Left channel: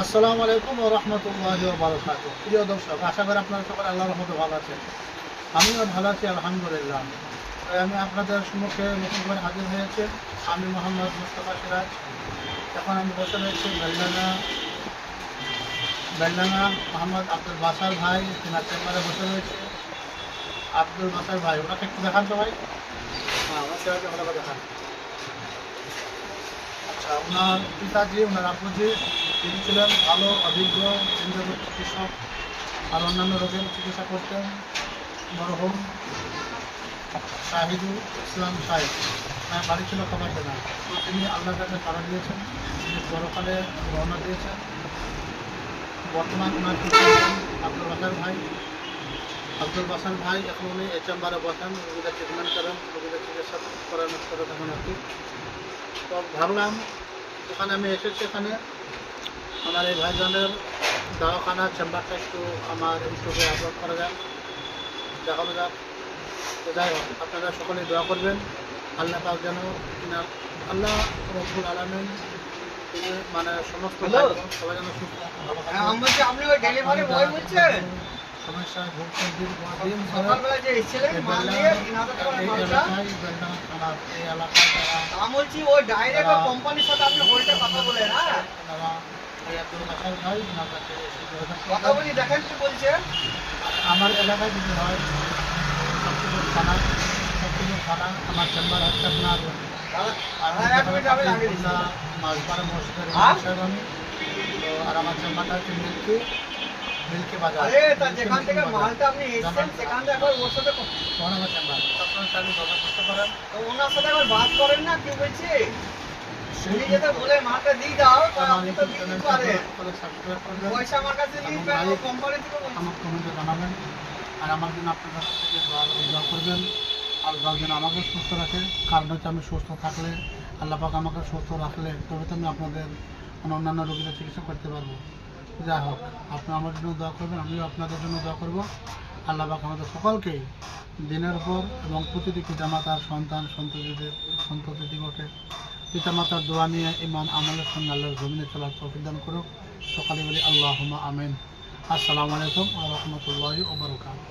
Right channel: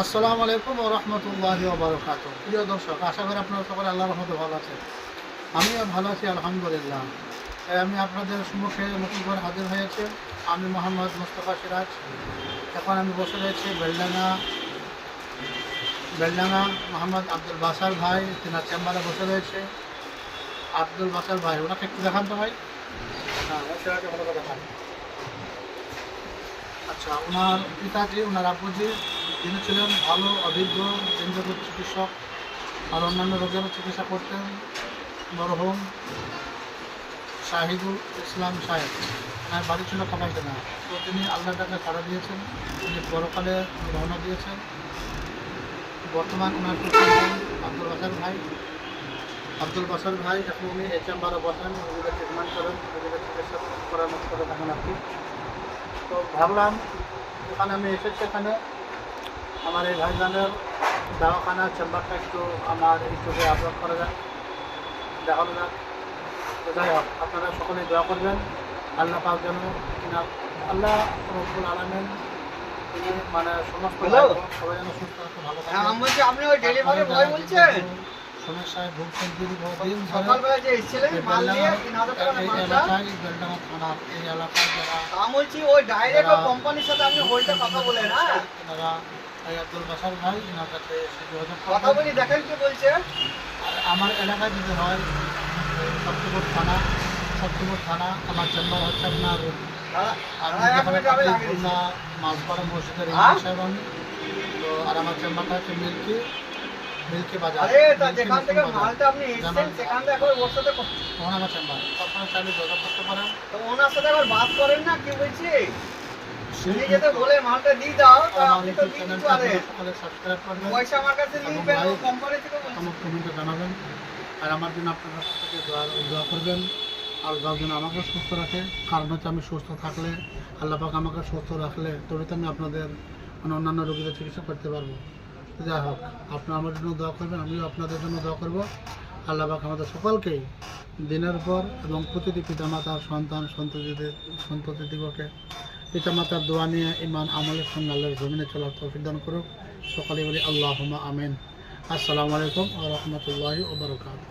আসসালামু আলাইকুম ওয়া রাহমাতুল্লাহি ওয়া বারাকাতুহু। প্রিয় দর্শক, আশা করি আপনারা সকলে আল্লাহর রহমতে ভালো আছেন। আমিও ভালো আছি আলহামদুলিল্লাহ। তাই আমি আপনাদের সম্মুখে নতুন করে হাজির হয়েছি। আমি মোহাম্মদ মুস্তাফা সিরাজ। এখন আমি বসে রয়েছি বেলডাঙ্গা মোহাম্মদ আব্দুল বাসার ভাই তিনার চেম্বারে বসে রয়েছে। আব্দুল বাসার ভাই, ওনাকে একটু দেখান তো ভাই। হ্যাঁ, আমার ছেলেকে ভালো করে দেখান। আচ্ছা, ওনার পিতাজি, ওনার আব্বুজি, তিনি ছিলেন ভালো অভিজ্ঞ কেন্দ্রীয় চিকিৎসক আর অন্যান্য রোগের চিকিৎসা করতেন। মরহুম শাহিদুল ইসলাম সাহেব, বাড়ি ছিল কাপাইখানা। তো তিনি আল্লাহর কাছে সাড়া দিয়েছেন, তিনি পরকালে রওনা দিয়েছেন। বর্তমান ওনার পিতা আব্দুল বাসার ভাই এখন উনি এই চেম্বারে বসেন, রোগীদের ট্রিটমেন্ট করেন, রোগীদের চিকিৎসা করার করে থাকেন আর কি। তো ভাবলাম ওখানে আমি এসেছি, এখানে আমার এই ভাইজানের দাওয়াখানার চেম্বারটা একটু আমার ইউটিউবে আপলোড করা যায়, দেখানো যাক। তো যাই হোক, আপনারা সকলেই দোয়া করবেন আল্লাহ পাক যেন আল্লাহ রব্বুল আলামিন তিনি মানে সমস্ত সবাই যেন সুস্থ থাকে, ভালো থাকে। সমস্যায় ভুগছেন দীর্ঘদিন ধরে এই এলাকায় বেলডাঙ্গা থানার এই এলাকায় যারা এনারা আব্দুল বাসার ভাই, এনার কাছে যোগাযোগ করবেন। আর আমার এলাকায় যদি হয় সপ্তপুর থানা, আমার চেম্বার হচ্ছে আপনার মাছপাড়া মসজিদের ইমাম আমি। তো আর আমার চেম্বারটা হচ্ছে মিল্কি বাজার। আমার চেম্বার আপনারা চাইলে যোগাযোগ করতে পারেন। ওনার সাথে একবার বাত করেন না, কি বলছি উনি যেটা বলে মালটা দিয়ে দাও, আপনি তো দিতে পারেন। সাবস্ক্রাইব করবেন, পয়সা আমার কাছে দিতে হবে, কোম্পানি থেকে আমার কমেন্টে জানাবেন। আর আমার জন্য আপনারা থেকে দোয়া করবেন, আল্লাহ যেন আমাকে সুস্থ রাখে। কারণ হচ্ছে আমি সুস্থ থাকলে, আল্লাহ পাক আমাকে সুস্থ রাখলে তবে তো আমি আপনাদের অন্যান্য রোগীদের চিকিৎসা করতে পারবো। যাই হোক, আপনারা আমার জন্য দোয়া করবেন, আমিও আপনাদের জন্য দোয়া করবো। আল্লাহ পাক আমাদের সকলকেই দিনের উপর এবং প্রতিটি পিতামাতার সন্ততিদিগকে পিতামাতার দোয়া নিয়ে ইমান আমলের সঙ্গে আল্লাহর জমিনে চলার তৌফিক দান করুক। সকালে বলি আল্লাহুম্মা আমিন। আসসালামু আলাইকুম ওয়া রাহমাতুল্লাহি ওয়া বারাকাতুহু।